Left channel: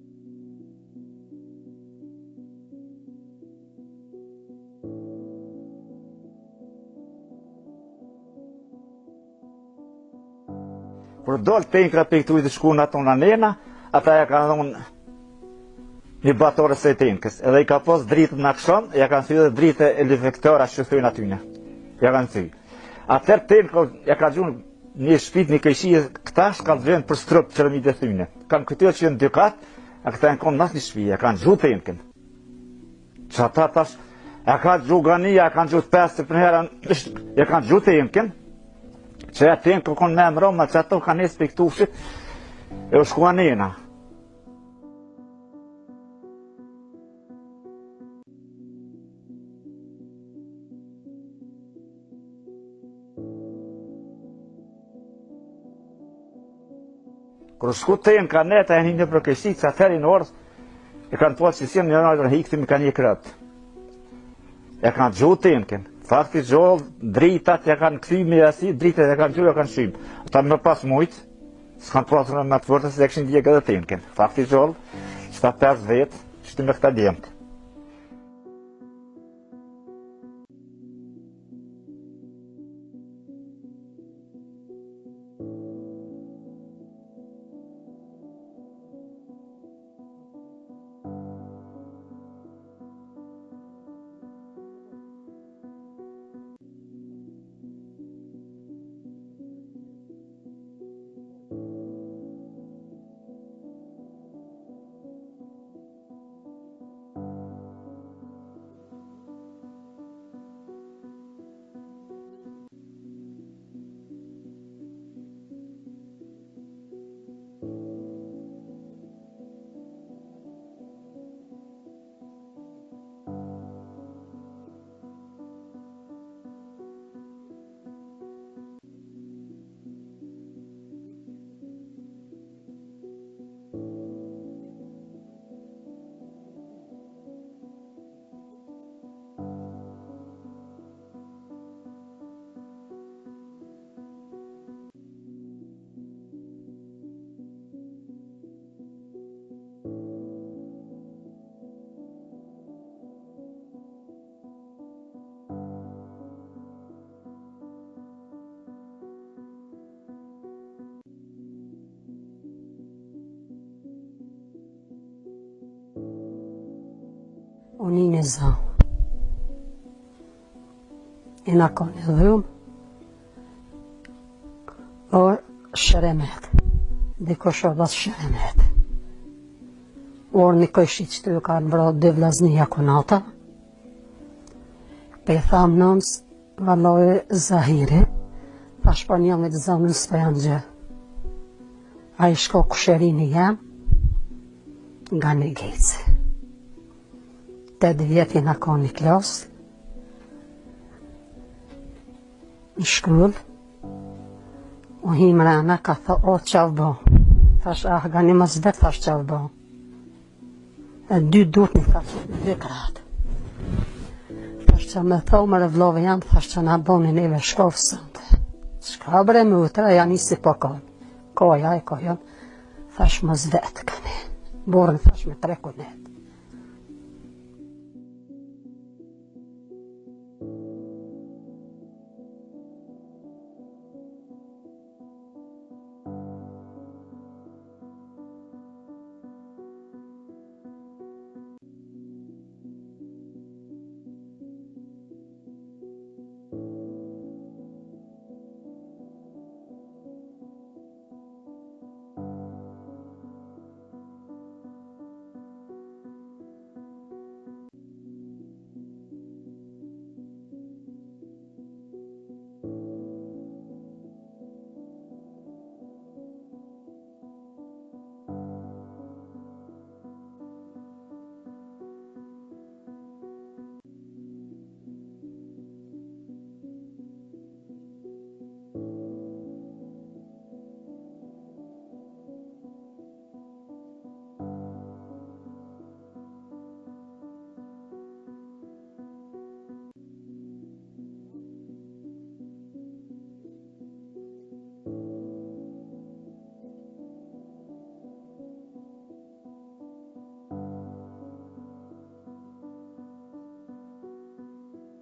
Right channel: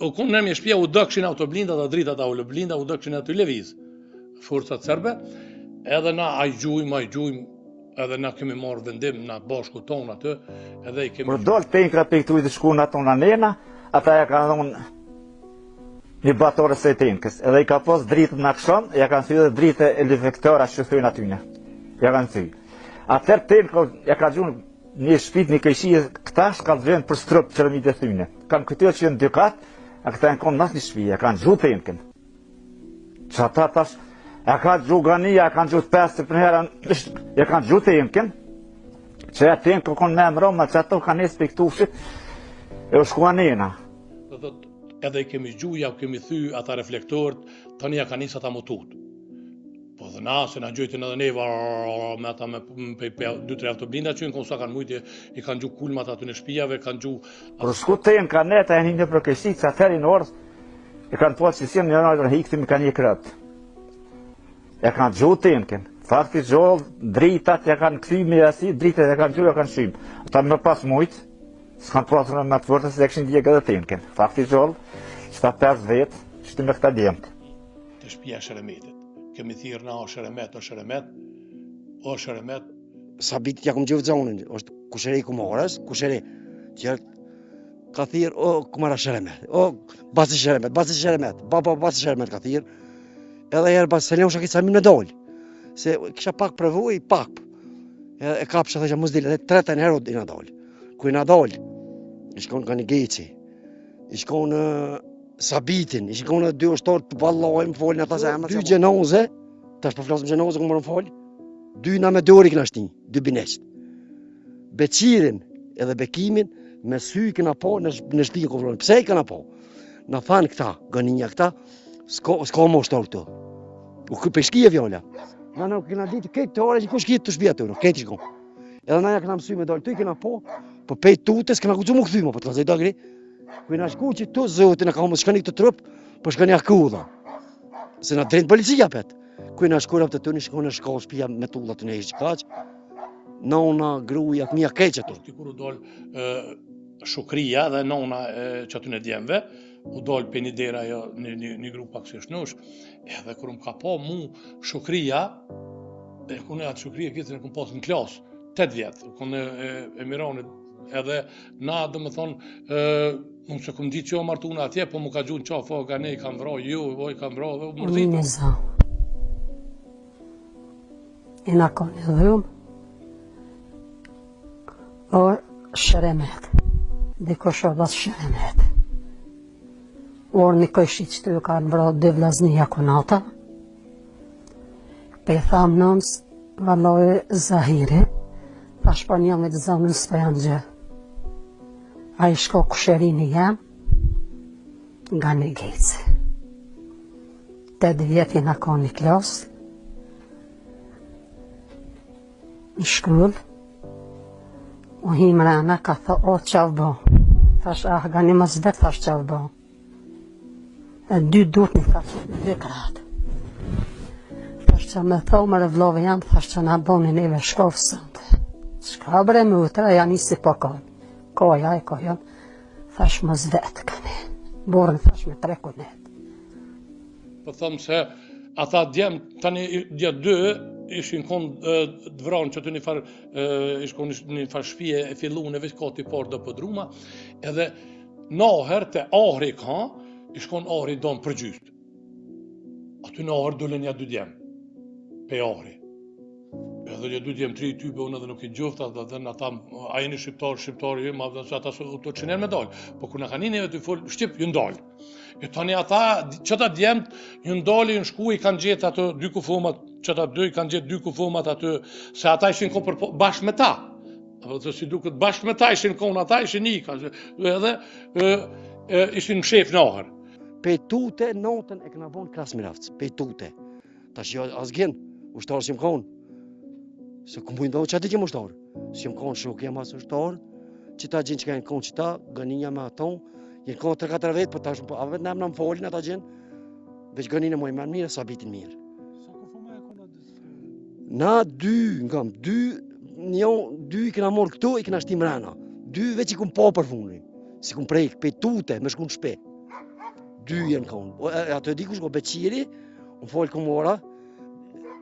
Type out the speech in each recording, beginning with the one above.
u konë në shtëpia u dëkshin autoblinda dhe dritat autoblinda u dëkshin aty lëviz. Forcat serbe, edhe na ajgjujmë, edhe na kemi marrë vendim na bashku tonë aty, edhe i kemi... Kur dol tenkra pe këtu të shkuan ato në nena, ata ja kanë dhënë një batore së tenkës, edhe i ka pas dritën në aksham, ja kanë thyer dritë elefektora që thyen aty në. Ja kanë thyer. Atëherë tenkë ja ka gjunë një shtëpi një këqije këta shkallë vend për strop çermi të thyne. Kanë këtyre që janë dy kat, a këta janë konë në shtëpi, ja kanë gjutë tenkën. Çata tash ja ka gjugania, ja kanë gjutë 50 për herën, ja kanë gjutë tenkën. Që ja tenkë konë me më roma, që ato kanë nesë për këtushit, e u shkuan nena. Edhe i kemi gjuja, kemi thy ata reflektorët, tani ja ka nisë ata mutut. Po dhe na, se na gjojtin edhe neva, me ata me 2-3 autoblinda që në sa kanë mujtje, i kanë gju kulmat aty në shpijave, kanë gju... Kër shku të jenë ka neta, e një për kështik, që atëheri në orës, e kanë po që si një nërë hikëtim i ka një krët. E kanë gju të jenë, fakti gjollë, dritat, ja kanë këthymi e asi, dritat ja kanë gju, ja kanë shymë. Ata më pas mujtë, s'kanë pasur me të vërtës, se e këshin djekë edhe të jenë. Fakti gjollë, qëta 5 vetë, qëti me këta djemët. Të shpija Sheremetit. Kemi thirë na o Sheremet. Sabitit ja kom gjivë zonin, është kusheri kumarës, kusheri, tjerë ka thirë, o kumara Sheremet, o basi Sheremet, basi Sheremet ka thirë, edhe herë basi Seleon shakit sa mi në dollë, se kisha pak përvuj, pak, e kapësha dhe që mos dile, dhe 3 herë i në dollë, ku i në dollë, i shkon ka një geci, i shkon Sabitin, i shkon 2 ushtorë të ballojmë, folin ata se emër, 2 gjenoze, tash po flasëm gjenoze, ku morën folë, 2 na me dori këna shtin, 2 bineqt. Beqirin edhe Bekimin me sy këna po në shtëpi ku vlonë. Pse i këna po? Na thanë këta, gëninja këta, s'ka më ushtor këtu. U pe shkije vjolla. Na këna ditë këtë të ore që ku shkije të shtëpia të unë, këtë shkon. Edhe na ja këna mësuj me dole, tu i këna po pej tutës këna kucu më këthyma, po të ka zëjta gri. Ku i na shku që tu zotin e ka më shkani këtë trup, po shkani akudha. Se na drejnë policia pet. Ku i na shkurap të të një shkone shkollë shpia me tullat të nejë që kaq. Nona, gruja, të mija keqë të. Kur u dollë Shukria dhe nona që aty në djemve, u dollë për një dera një grup pak se shnush, edhe kur më ka po mu Shukria, e kune atë Shukria këtë në këm posë në klasë, 8 vjetë, kune e mironit, edhe na dhe më thonë, unë se këm ditë që o martuna atje, po më ka gjunë qafo, ka ne i kam vro, ju, voj kam vro, unë në zau. I na kone dhëm, o Sheremet, dhe kosho dhas Sheremet. Orë një kështi që të ju kanë vro 2 vlaznia konata, pe thamë nëmës, valoj Zahiri, pa shpër një me të zonën së për janë gjë. A i shko kusherini jam, nga një gejtë. 8 vjeti na ka një klasë, në shkrull, u him rana ka tha, o qavë bo. Thash, ga një mas vetë, thash qavë bo. E 2 dut një thash, 2 kratë. Thash që me tho më revlove janë, thash që na boni neve shkofë sëndë. Shka bre më utra, janë isi po konë. Koja e kojon, thash mas vetë këni. Borën thash me 3 kunet. Po thëmë se ata djemë, tani djetë 2, ishin konë dvranë që të një farë, ishkon një farë shpije e fillu në veç kati parë dhe pëdruma, edhe naher të ahri ka, ishkon ahri donë për gjystë. Aty në ahri dole një 2 djemë, pe ahri. Edhe një 2 djemë, 3 type, unë edhe nuk i gjofta, dhe në ata, a jeni shqiptarë, ju, ma dhe se ata të qener me dalë. Po kur në ka një neve të folë, Shqip, ju ndalë. E tani ata, qëta djemët, ju ndalë, ju në shku, i kanë gjetë ato 2 kufomat, qëta 2 i kanë gjetë 2 kufomat aty, se ata ishin konë bashkë me ta. Dhe si duket bashkë me ta ishin konë, ata ishin ika, edhe ishin shef në ahër. Pejtute, notën e këna vonë krasë miraftë, pejtute. Ta që asgjen, ushtarë si më konë. Se këmë bujnë do që ati që më ushtarë. Si më konë shukë jam asë ushtarë, që ta gjenë që ka jenë konë që ta, gëninja me aton, jenë konë 3-4 vetë, për ta shumë, a vetë në më folin ata gjenë, veç gëninë e mojë mirë, Sabitin mirë. Na 2, ngam, 2 i këna morë këtu, i këna shtim rana. 2 veç i këmë po për funin, si këmë prejkë, pejtute, me shku në shpe. dy janë konë. Ato e di kush ko Beqiri, unë folë Komora,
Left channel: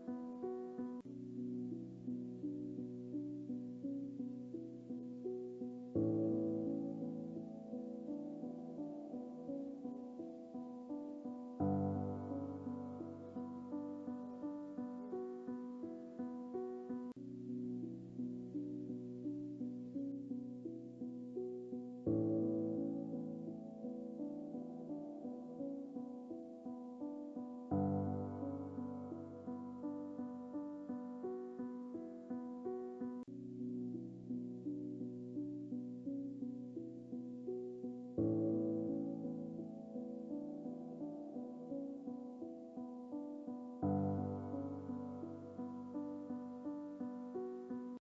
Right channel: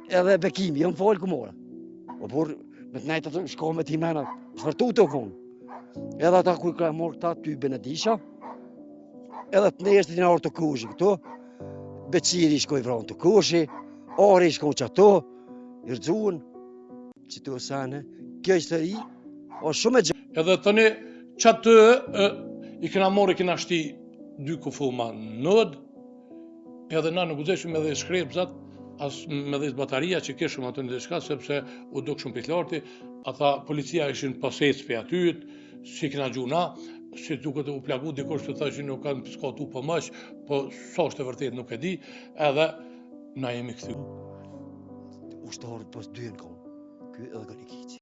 edhe Bekimi, unë folë Komora. Por me të nejtë ato shko me ti mena, shvërtu të konë. Edhe ata kuj ka morë këta ty Benedisha, edhe të neshtë të një orë të kushi këto, Beqiri shkoj vronë të kushi, Ari shkoj që ato, i rëzuen, që të osane, kjo histori, o shumë e gjë. Edhe tani që atë i kena morë, i kena shti 2 kufuma nëd, edhe na nuk uzeshëm edhe shkrepzat, as me dhe bataria që keshëm atë në diçka, sepse u duk shumë piklarti, ata policia ishin posec për atyt, si kena gjuna, si duket u plagu dikush të thashin nuk kanë piskatu për mësh, po sa është e vërtet nuk e di, edhe na jemi këthy. Ushtarët pas 2 në konë, ky edhe